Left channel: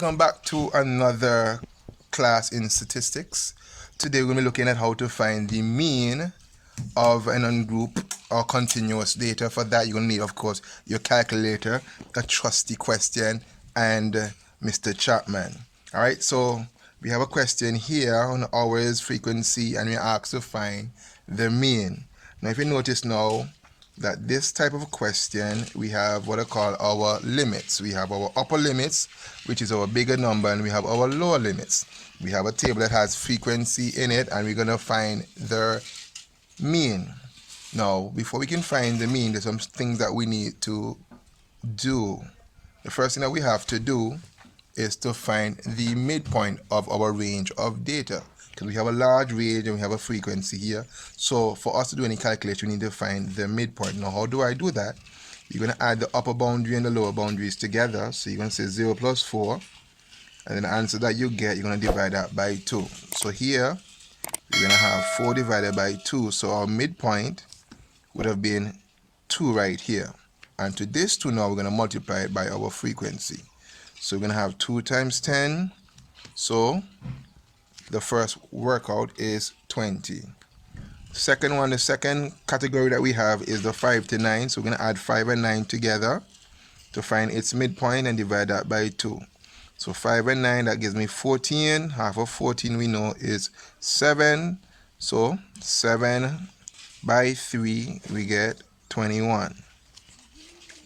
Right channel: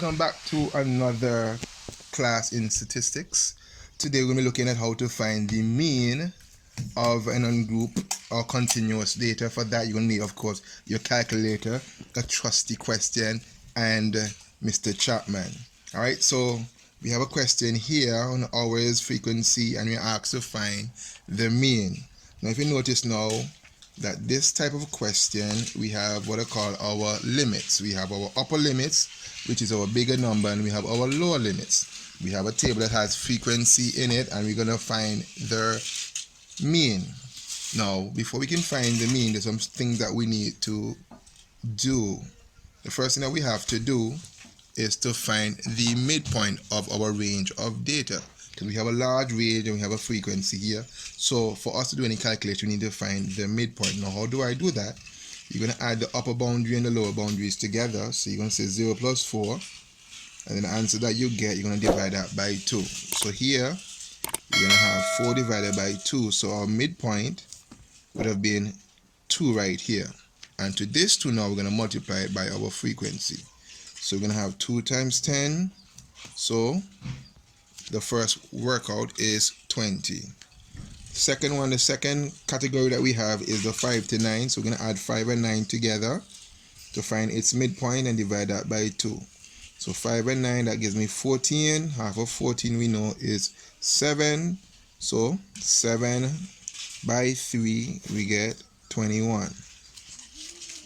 Welcome back to another class in statistics. Today we're going to be looking at how to find the mean of an ungroup or continuous data. For that you're going to need, of course, your calculator, a trusty question, and Mr. Chapman. Alright, so we have a question here on hours, frequency, and we're asked to find the mean. Now if you notice now that this type of question, we have what I call our limits. We have our upper limits, which is our bigger number, and we have our lower limits. We have a table that has frequency in it, and we're going to find the mean. Now, before we can find the mean, there's some things that we need to do. The first thing that we have to do is to find the midpoint of our range of data, because we have a large range and we have a frequency here. So for us to do any calculation, we need to find the midpoint. Now, how do I do that? You're going to add the upper boundary and the lower boundaries together. So you're going to say 0 plus 4, and then the answer that you get, you're going to divide that by 2. So here we're going to have 4 divided by 2. So our midpoint would have been 2 right here. And to this 2 now, we're going to multiply it by our frequency. So we're going to have 2 times 10. So the first workout is 20. Second one, the second category that we have is the 5 to 9. So we're going to add 5 and 9 together to find its midpoint and divide that by 2. So 5 and 9, that gives me 14. Half of 14 we know is 7. So 7 by 3, we get 21.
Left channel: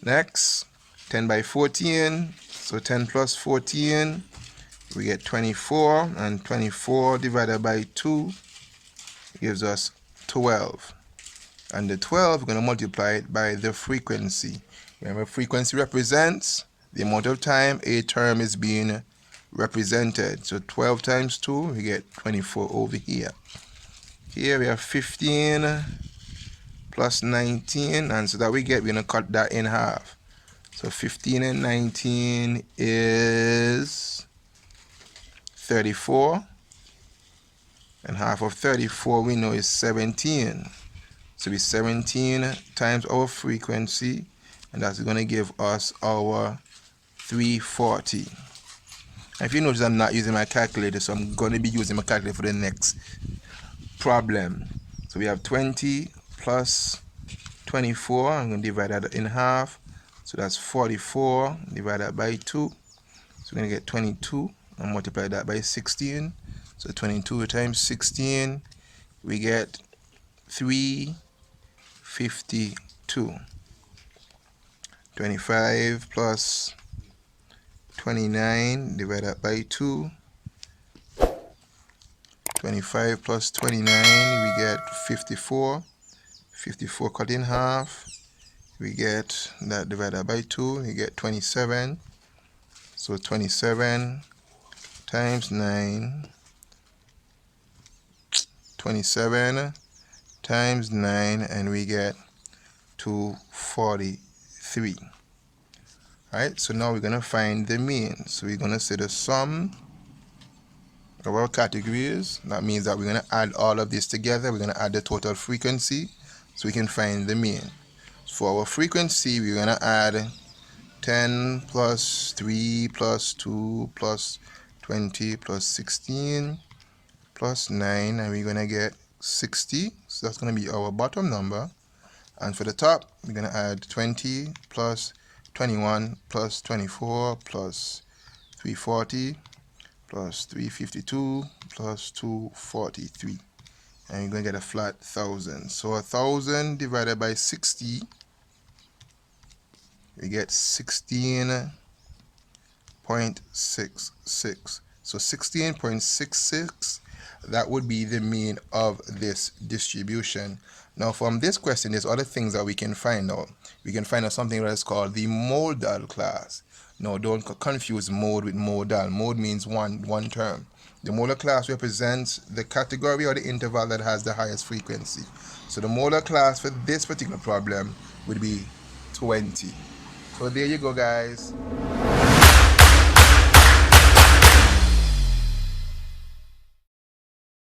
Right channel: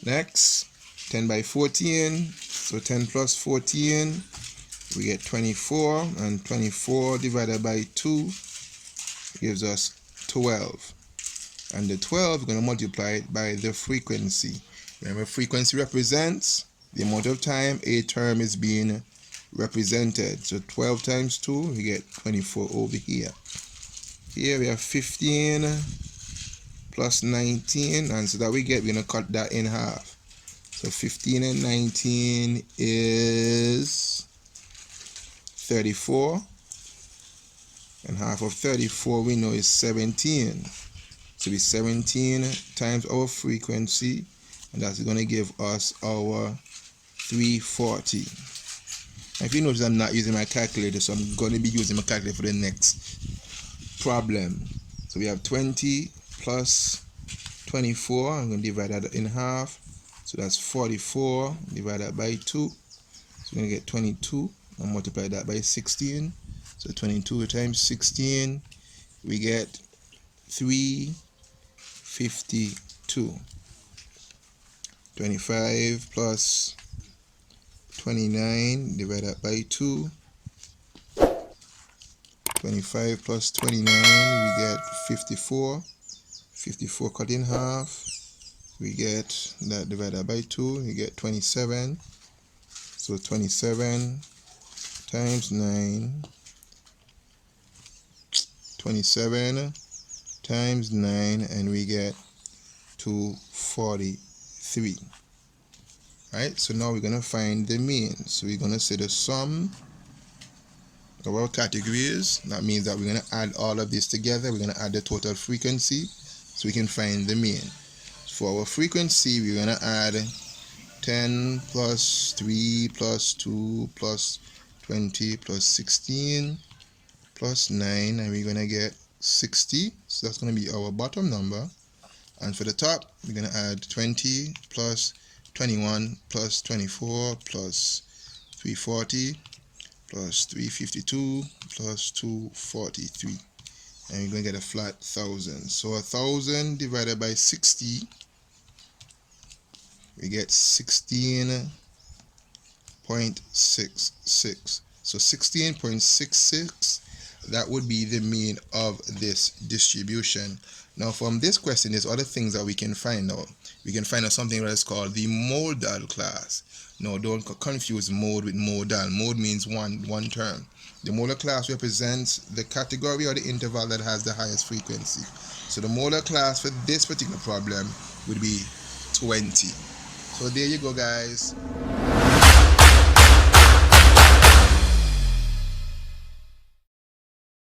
Next, 10 by 14. So 10 plus 14, we get 24. And 24 divided by 2 gives us 12. And the 12, we're going to multiply it by the frequency. Remember, frequency represents the amount of time a term is being represented. So 12 times 2, we get 24 over here. Here we have 15 plus 19, and so that we get, we're going to cut that in half. So 15 and 19 is 34. And half of 34 we know is 17. So it's 17 times our frequency, and that's going to give us our 340. And if you notice, I'm not using my calculator, so I'm going to be using my calculator for the next problem. So we have 20 plus 24. I'm going to divide that in half. So that's 44 divided by 2. So we're going to get 22 and multiply that by 16. So 22 times 16, we get 352. 25 plus 29 divided by 2. 25 plus 29, we get 54. 54 cut in half, we get that divided by 2, we get 27. So 27 times 9. 27 times 9, and we get 243. Alright, so now we're going to find the mean. So we're going to say the sum of our categories. That means that we're going to add all of this together. We're going to add the total frequency so we can find the mean. For our frequency, we're going to add 10 plus 3 plus 2 plus 20 plus 16 plus 9, and we're going to get 60. So that's going to be our bottom number. And for the top, we're going to add 20 plus 21 plus 24 plus 340 plus 352 plus 243. And we're going to get a flat 1,000. So 1,000 divided by 60, we get 16.66. So 16.66, that would be the mean of this distribution. Now from this question, there's other things that we can find out. We can find out something that is called the modal class. Now don't confuse mode with modal. Mode means one term. The modal class represents the category or the interval that has the highest frequency. So the modal class for this particular problem would be 20. So there you go, guys.